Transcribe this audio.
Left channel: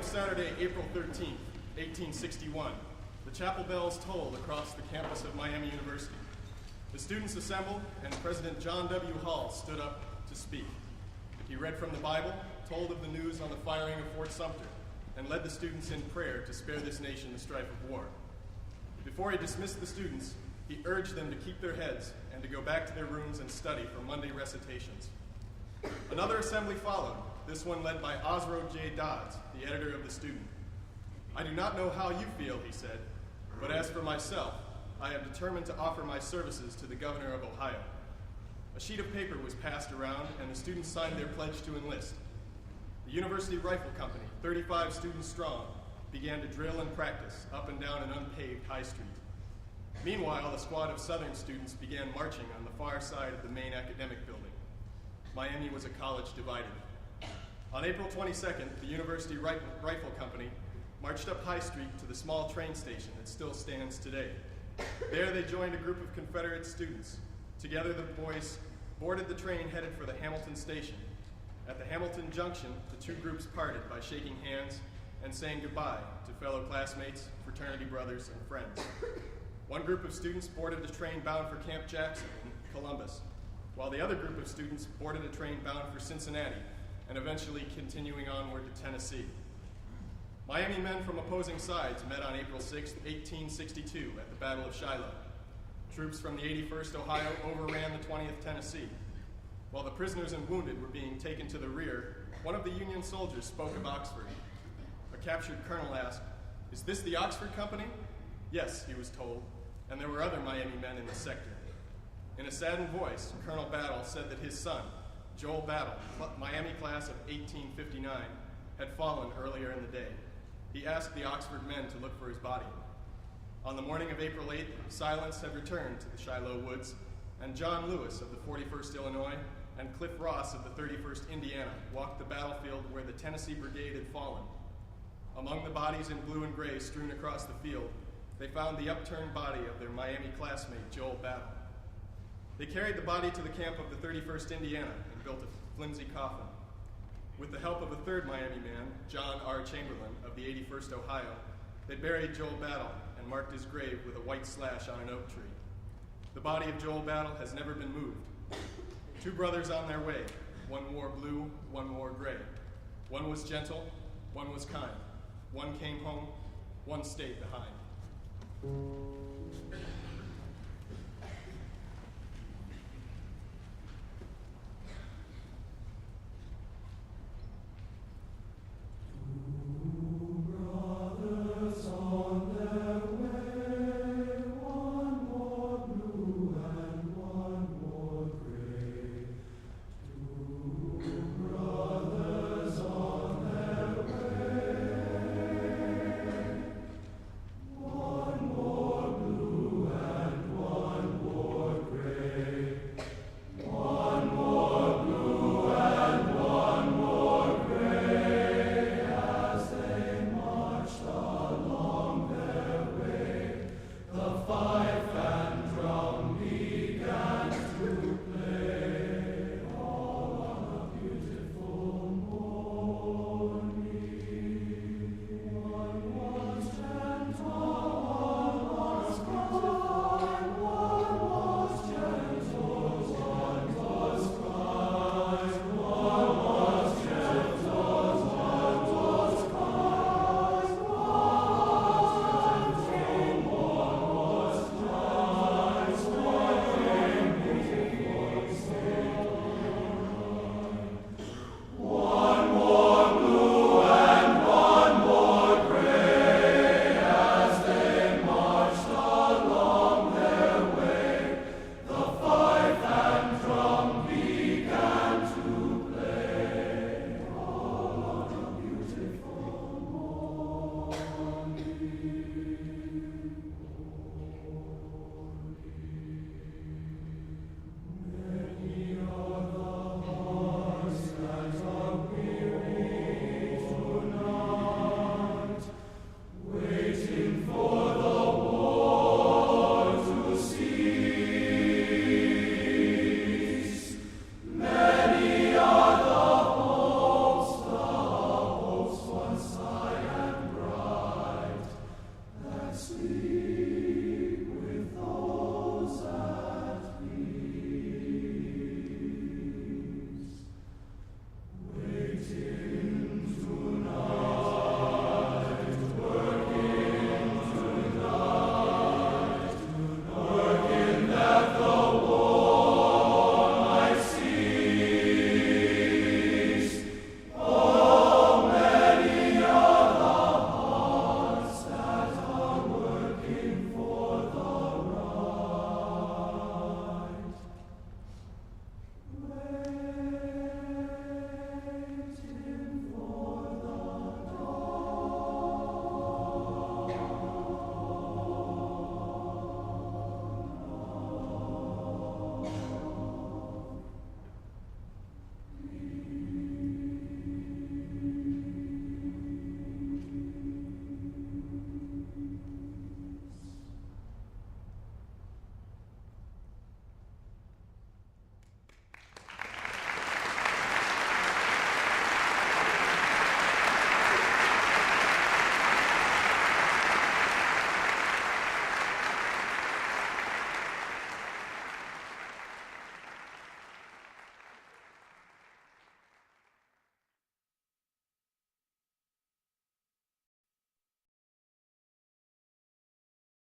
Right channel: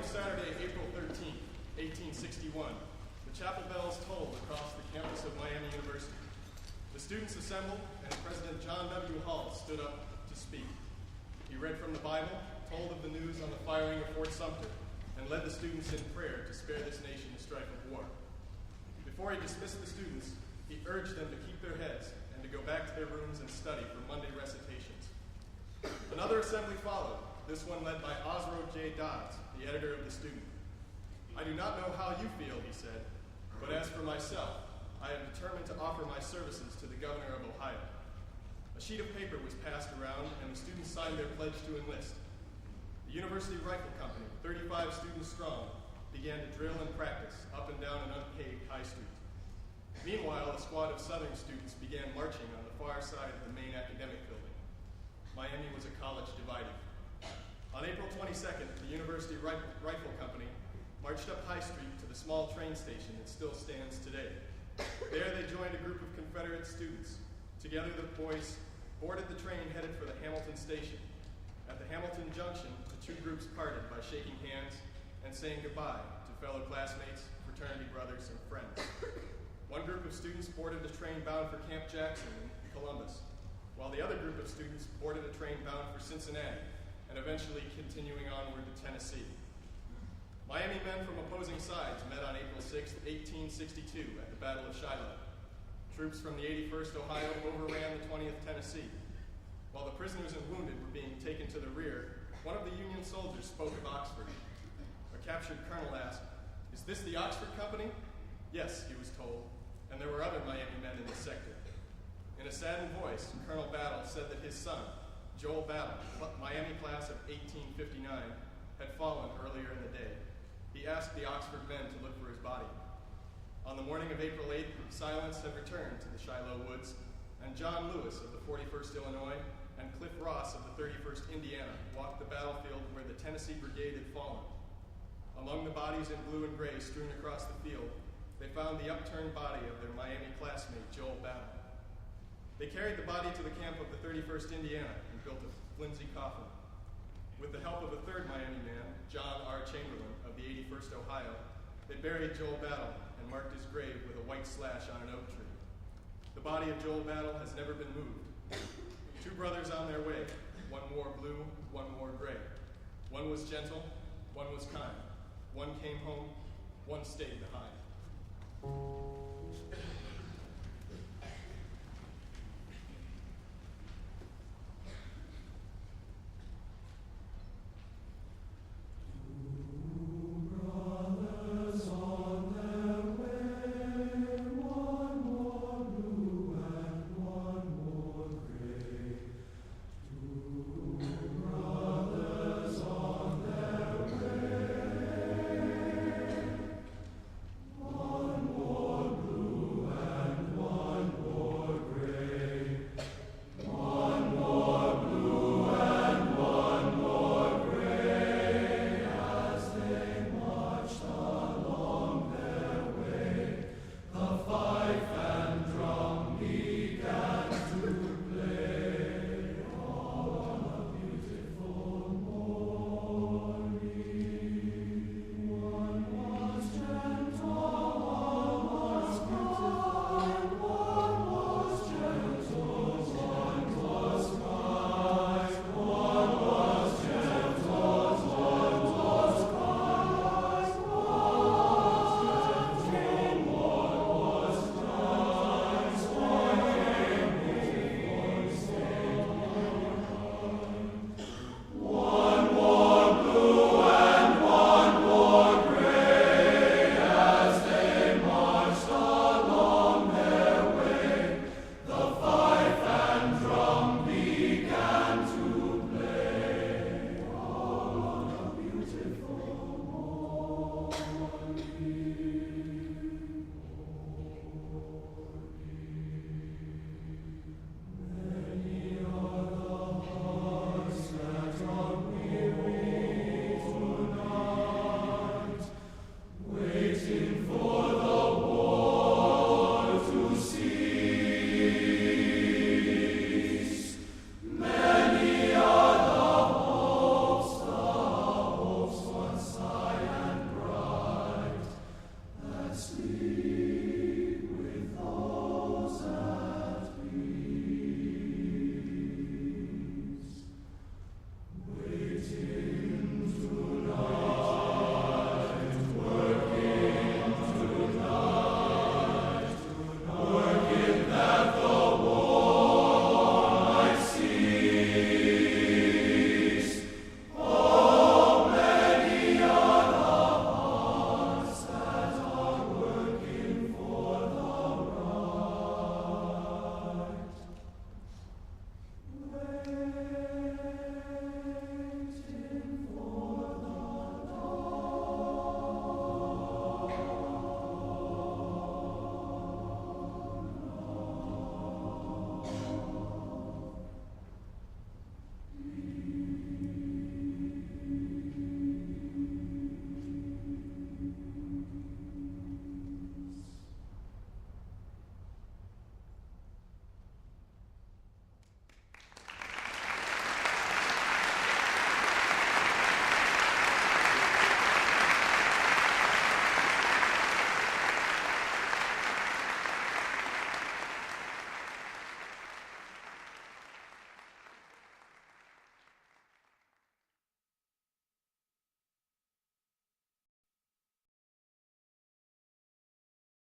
of Saturday, April 13th, 1861, the chapel bells tolled across the campus of Miami University. The students assembled, and President John W. Hall stood up to speak. He read from the Bible, told of the news on the firing of Fort Sumter, and led the students in prayer to spare this nation the strife of war. Before he dismissed the students, he urged them to keep their heads and to go back to their rooms and study for Monday recitations. Another assembly followed, this one led by Osro J. Dodds, the editor of The Student. "I do not know how you feel," he said, "but as for myself, I am determined to offer my services to the governor of Ohio." A sheet of paper was passed around, and the students signed their pledge to enlist. The University Rifle Company, 35 students strong, began to drill and practice up and down an unpaved high street. Meanwhile, a squad of Southern students began marching on the far side of the main academic building. Miami was a college divided. On April 22nd, the University Rifle Company marched up High Street to the small train station that still stands today. There they joined a group of Confederate students. Together the boys boarded the train headed for the Hamilton station. At the Hamilton Junction, the two groups parted by shaking hands and saying goodbye to fellow classmates, fraternity brothers, and friends. One group of students boarded a train bound for Camp Jackson in Columbus, while the other group of students boarded a train bound for Cincinnati and eventually continuing onward to Tennessee. Miami men from opposing sides met on April 6, 1862 at the Battle of Shiloh. Troops from the 81st Ohio overran the 20th Tennessee. While the prisoners and wounded were being taken to the rear, one of the Union soldiers spoke of Oxford. A captured colonel asked, "Is this the Oxford Company?" "Yes," he was told, and there were other Miami men in the sector. In a saddened voice, Colonel Battle said that his son, Joel Battle, Miami class of 1859, had fallen earlier in the day. He asked the Oxford men to look for his body. On the morning of April 8th, silence had returned to the Shiloh woods, and John Lewis of the 41st Illinois and Cliff Ross of the 31st Indiana walked the battlefield where the Tennessee Brigade had fallen. Among the bodies in blue and gray strewn across the field, they found the upturned body of their Miami classmate, Joel Battle. They carried the body to the camp of the 31st Indiana and built a flimsy coffin. With the help of a third Miami man, John R. Chamberlain of the 81st Ohio, they buried Joel Battle and marked his grave with a white slash on an oak tree. The body of Joel Battle has never been moved. Two brothers on their way, one wore blue, one wore gray. One was gentle, one was kind. One came home, one stayed behind.